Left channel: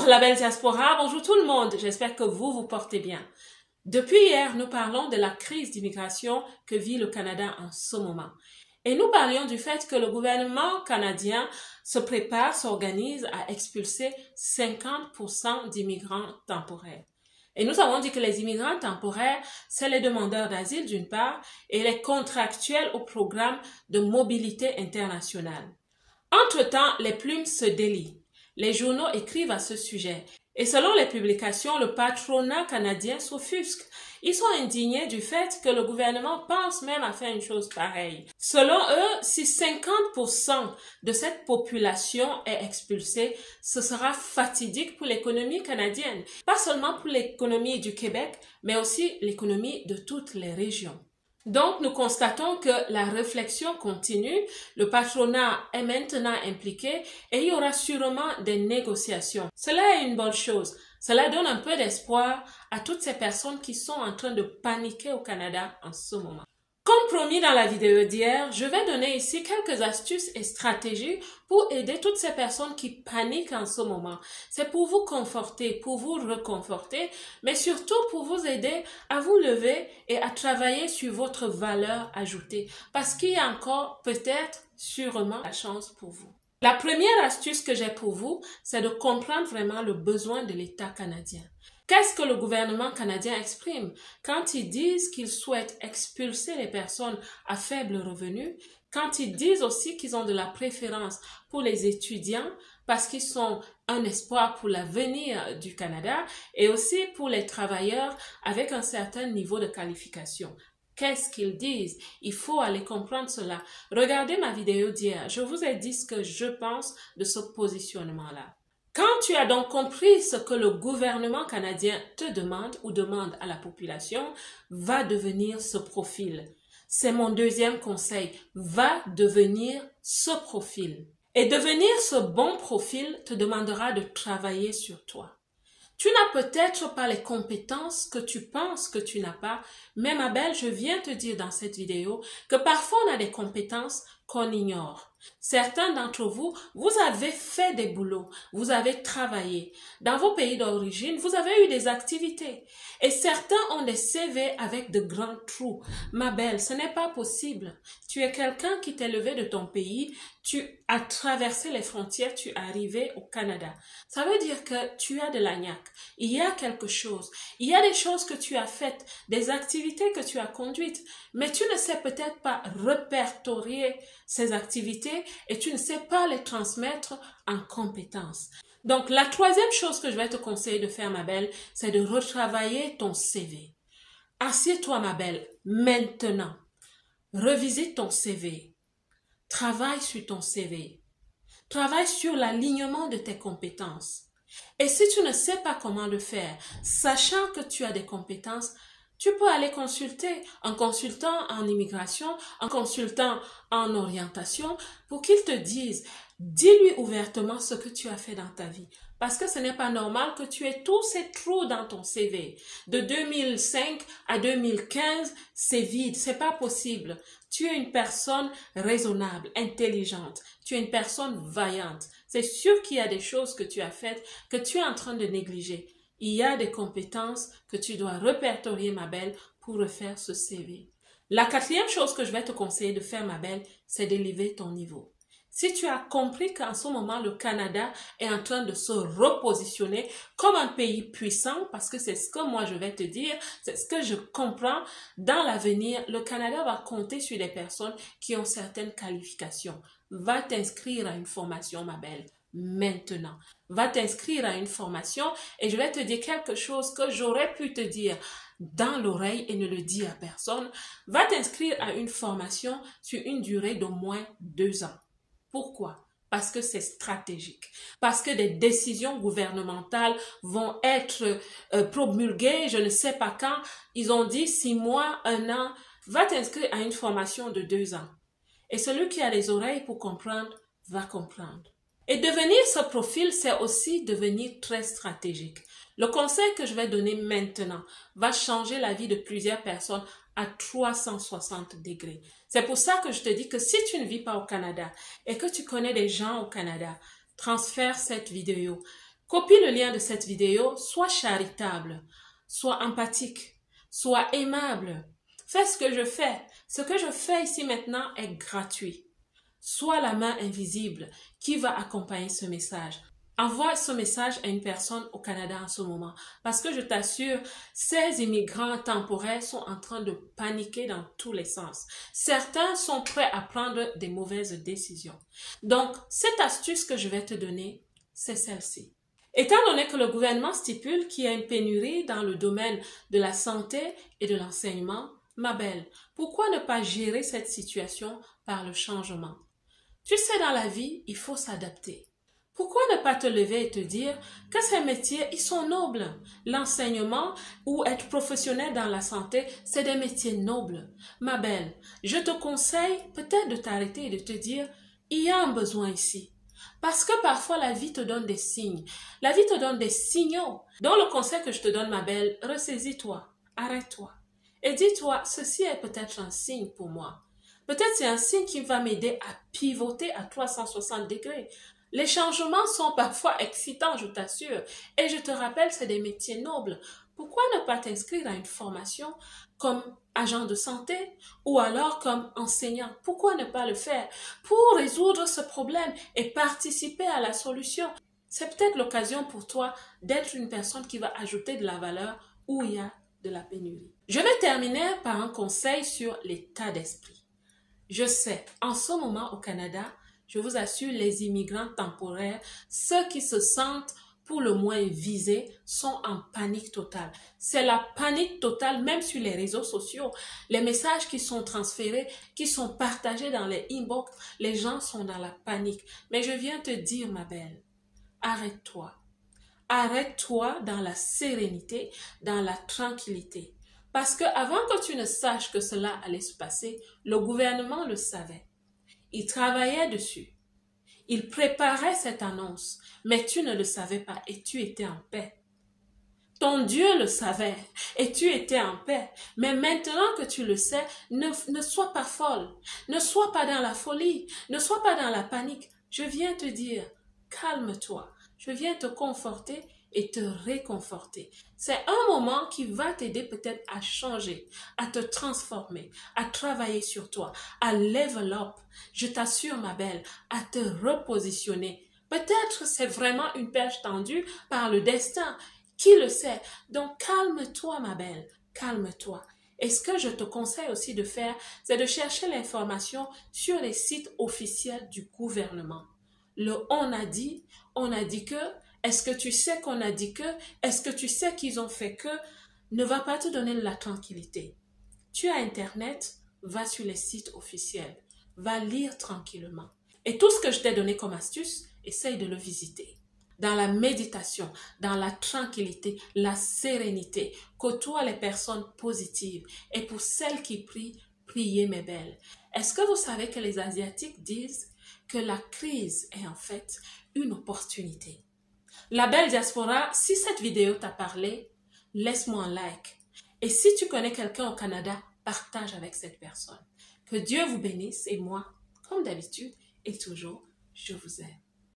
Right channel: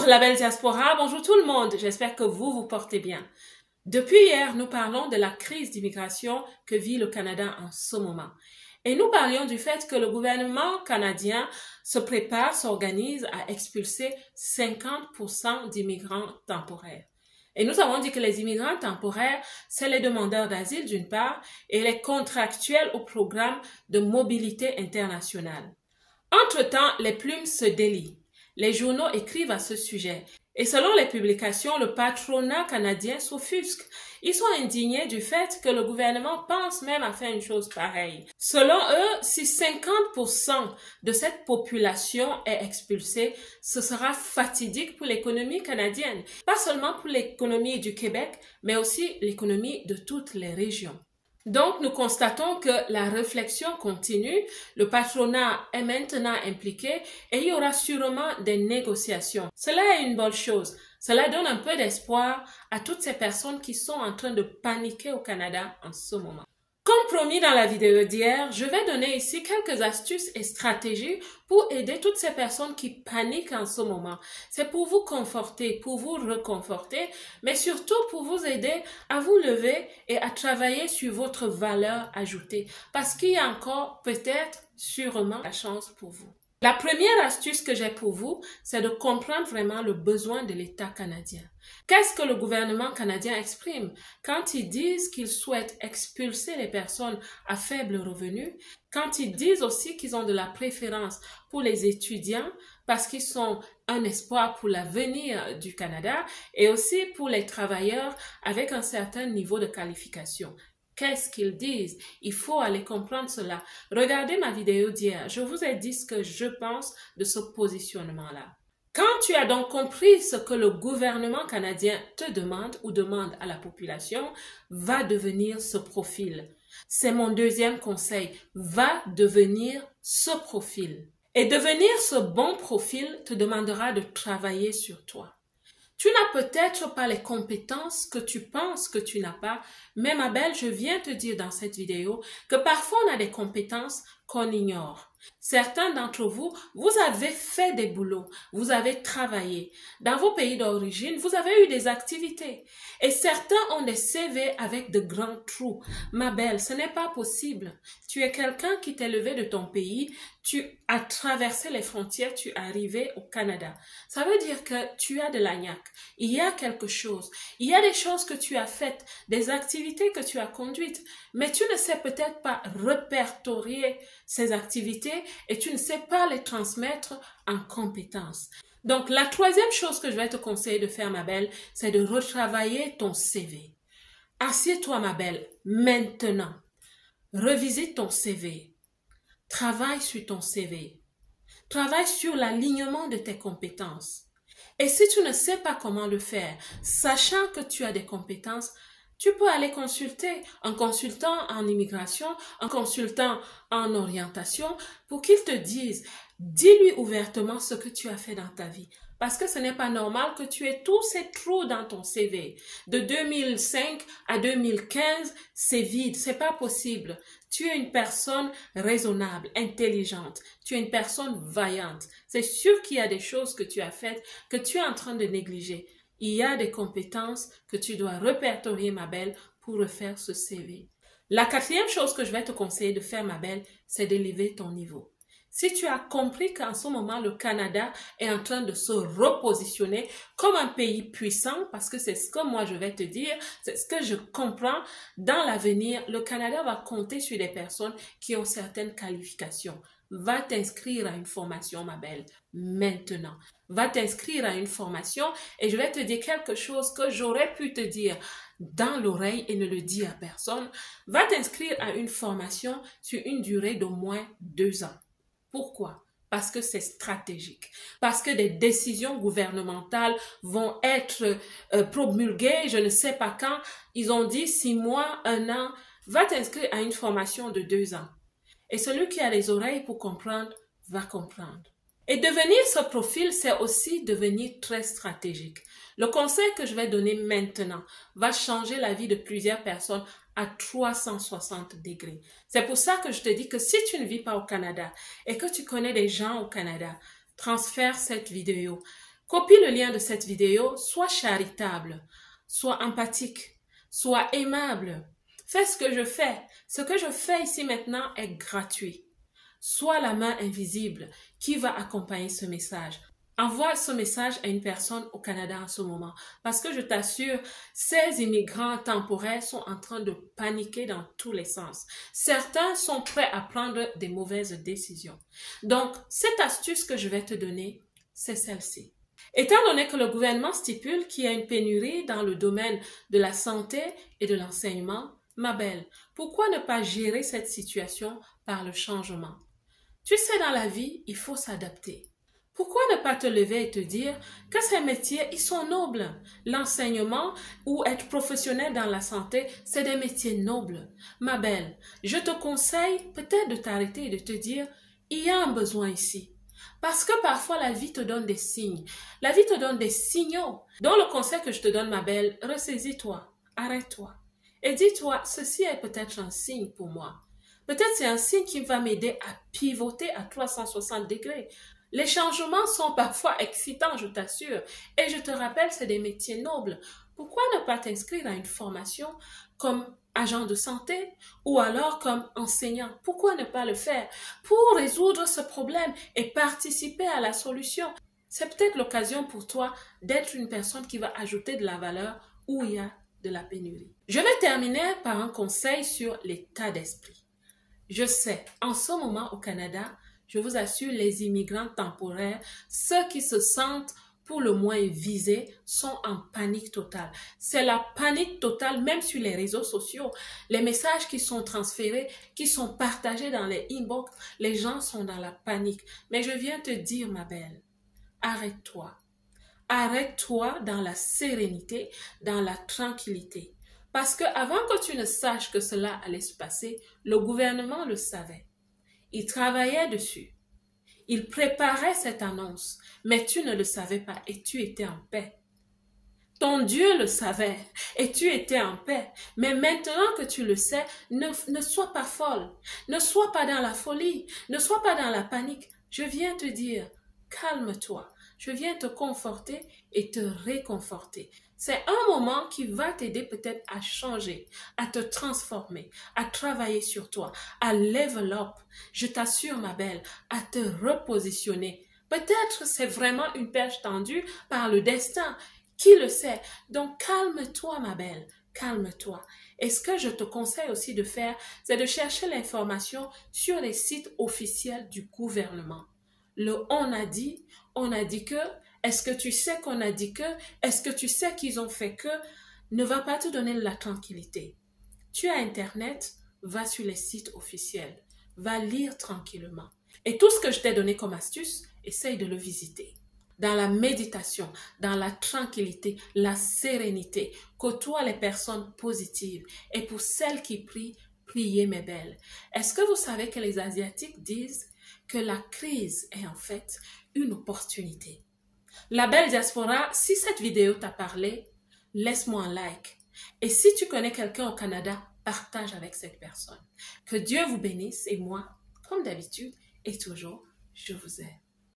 Bonjour la belle diaspora, bonjour tout le monde, j'espère que vous vous portez bien. Depuis hier, nous parlons de la crise d'immigration que vit le Canada en ce moment. Et nous parlions du fait que le gouvernement canadien se prépare, s'organise à expulser 50% d'immigrants temporaires. Et nous avons dit que les immigrants temporaires, c'est les demandeurs d'asile d'une part et les contractuels au programme de mobilité internationale. Entre-temps, les plumes se délient. Les journaux écrivent à ce sujet. Et selon les publications, le patronat canadien s'offusque. Ils sont indignés du fait que le gouvernement pense même à faire une chose pareille. Selon eux, si 50% de cette population est expulsée, ce sera fatidique pour l'économie canadienne. Pas seulement pour l'économie du Québec, mais aussi l'économie de toutes les régions. Donc, nous constatons que la réflexion continue, le patronat est maintenant impliqué et il y aura sûrement des négociations. Cela est une bonne chose. Cela donne un peu d'espoir à toutes ces personnes qui sont en train de paniquer au Canada en ce moment. Comme promis dans la vidéo d'hier, je vais donner ici quelques astuces et stratégies pour aider toutes ces personnes qui paniquent en ce moment. C'est pour vous conforter, pour vous reconforter, mais surtout pour vous aider à vous lever et à travailler sur votre valeur ajoutée. Parce qu'il y a encore peut-être, sûrement, la chance pour vous. La première astuce que j'ai pour vous, c'est de comprendre vraiment le besoin de l'État canadien. Qu'est-ce que le gouvernement canadien exprime quand ils disent qu'ils souhaitent expulser les personnes à faible revenu, quand ils disent aussi qu'ils ont de la préférence pour les étudiants parce qu'ils sont un espoir pour l'avenir du Canada et aussi pour les travailleurs avec un certain niveau de qualification. Qu'est-ce qu'ils disent? Il faut aller comprendre cela. Regardez ma vidéo d'hier. Je vous ai dit ce que je pense de ce positionnement-là. Quand tu as donc compris ce que le gouvernement canadien te demande ou demande à la population, va devenir ce profil. C'est mon deuxième conseil. Va devenir ce profil. Et devenir ce bon profil te demandera de travailler sur toi. Tu n'as peut-être pas les compétences que tu penses que tu n'as pas, mais ma belle, je viens te dire dans cette vidéo que parfois on a des compétences qu'on ignore. Certains d'entre vous, vous avez fait des boulots, vous avez travaillé. Dans vos pays d'origine, vous avez eu des activités. Et certains ont des CV avec de grands trous. Ma belle, ce n'est pas possible. Tu es quelqu'un qui t'est levé de ton pays, tu as traversé les frontières, tu es arrivé au Canada. Ça veut dire que tu as de la niaque. Il y a quelque chose. Il y a des choses que tu as faites, des activités que tu as conduites, mais tu ne sais peut-être pas répertorier ces activités et tu ne sais pas les transmettre en compétences. Donc, la troisième chose que je vais te conseiller de faire, ma belle, c'est de retravailler ton CV. Assieds-toi, ma belle, maintenant. Revisite ton CV. Travaille sur ton CV. Travaille sur l'alignement de tes compétences. Et si tu ne sais pas comment le faire, sachant que tu as des compétences, tu peux aller consulter un consultant en immigration, un consultant en orientation pour qu'il te dise, dis-lui ouvertement ce que tu as fait dans ta vie. Parce que ce n'est pas normal que tu aies tous ces trous dans ton CV. De 2005 à 2015, c'est vide, c'est pas possible. Tu es une personne raisonnable, intelligente. Tu es une personne vaillante. C'est sûr qu'il y a des choses que tu as faites que tu es en train de négliger. Il y a des compétences que tu dois répertorier, ma belle, pour refaire ce CV. La quatrième chose que je vais te conseiller de faire, ma belle, c'est d'élever ton niveau. Si tu as compris qu'en ce moment, le Canada est en train de se repositionner comme un pays puissant, parce que c'est ce que moi je vais te dire, c'est ce que je comprends, dans l'avenir, le Canada va compter sur des personnes qui ont certaines qualifications. Va t'inscrire à une formation, ma belle, maintenant. Va t'inscrire à une formation et je vais te dire quelque chose que j'aurais pu te dire dans l'oreille et ne le dire à personne. Va t'inscrire à une formation sur une durée d'au moins 2 ans. Pourquoi? Parce que c'est stratégique. Parce que des décisions gouvernementales vont être promulguées, je ne sais pas quand. Ils ont dit 6 mois, 1 an. Va t'inscrire à une formation de 2 ans. Et celui qui a les oreilles pour comprendre, va comprendre. Et devenir ce profil, c'est aussi devenir très stratégique. Le conseil que je vais donner maintenant va changer la vie de plusieurs personnes à 360 degrés. C'est pour ça que je te dis que si tu ne vis pas au Canada et que tu connais des gens au Canada, transfère cette vidéo. Copie le lien de cette vidéo, sois charitable, sois empathique, sois aimable. Fais ce que je fais. Ce que je fais ici maintenant est gratuit. Sois la main invisible qui va accompagner ce message. Envoie ce message à une personne au Canada en ce moment. Parce que je t'assure, ces immigrants temporaires sont en train de paniquer dans tous les sens. Certains sont prêts à prendre des mauvaises décisions. Donc, cette astuce que je vais te donner, c'est celle-ci. Étant donné que le gouvernement stipule qu'il y a une pénurie dans le domaine de la santé et de l'enseignement, ma belle, pourquoi ne pas gérer cette situation par le changement? Tu sais, dans la vie, il faut s'adapter. Pourquoi ne pas te lever et te dire que ces métiers, ils sont nobles? L'enseignement ou être professionnel dans la santé, c'est des métiers nobles. Ma belle, je te conseille peut-être de t'arrêter et de te dire, il y a un besoin ici. Parce que parfois la vie te donne des signes. La vie te donne des signaux. Dans le conseil que je te donne, ma belle, ressaisis-toi, arrête-toi. Et dis-toi, ceci est peut-être un signe pour moi. Peut-être c'est un signe qui va m'aider à pivoter à 360 degrés. Les changements sont parfois excitants, je t'assure. Et je te rappelle, c'est des métiers nobles. Pourquoi ne pas t'inscrire à une formation comme agent de santé ou alors comme enseignant? Pourquoi ne pas le faire pour résoudre ce problème et participer à la solution? C'est peut-être l'occasion pour toi d'être une personne qui va ajouter de la valeur où il y a de la pénurie. Je vais terminer par un conseil sur l'état d'esprit. Je sais, en ce moment au Canada, je vous assure, les immigrants temporaires, ceux qui se sentent pour le moins visés, sont en panique totale. C'est la panique totale, même sur les réseaux sociaux. Les messages qui sont transférés, qui sont partagés dans les inbox, les gens sont dans la panique. Mais je viens te dire, ma belle, arrête-toi. Arrête-toi dans la sérénité, dans la tranquillité. Parce que avant que tu ne saches que cela allait se passer, le gouvernement le savait. Il travaillait dessus. Il préparait cette annonce, mais tu ne le savais pas et tu étais en paix. Ton Dieu le savait et tu étais en paix. Mais maintenant que tu le sais, ne sois pas folle. Ne sois pas dans la folie. Ne sois pas dans la panique. Je viens te dire, calme-toi. Je viens te conforter et te réconforter. C'est un moment qui va t'aider peut-être à changer, à te transformer, à travailler sur toi, à level up. Je t'assure, ma belle, à te repositionner. Peut-être c'est vraiment une perche tendue par le destin. Qui le sait? Donc calme-toi, ma belle, calme-toi. Et ce que je te conseille aussi de faire, c'est de chercher l'information sur les sites officiels du gouvernement. Le on a dit que, est-ce que tu sais qu'on a dit que, est-ce que tu sais qu'ils ont fait que, ne va pas te donner de la tranquillité. Tu as Internet, va sur les sites officiels, va lire tranquillement. Et tout ce que je t'ai donné comme astuce, essaye de le visiter. Dans la méditation, dans la tranquillité, la sérénité, côtoie les personnes positives. Et pour celles qui prient, priez mes belles. Est-ce que vous savez que les Asiatiques disent que la crise est en fait une opportunité? La belle diaspora, si cette vidéo t'a parlé, laisse-moi un like. Et si tu connais quelqu'un au Canada, partage avec cette personne. Que Dieu vous bénisse et moi, comme d'habitude et toujours, je vous aime.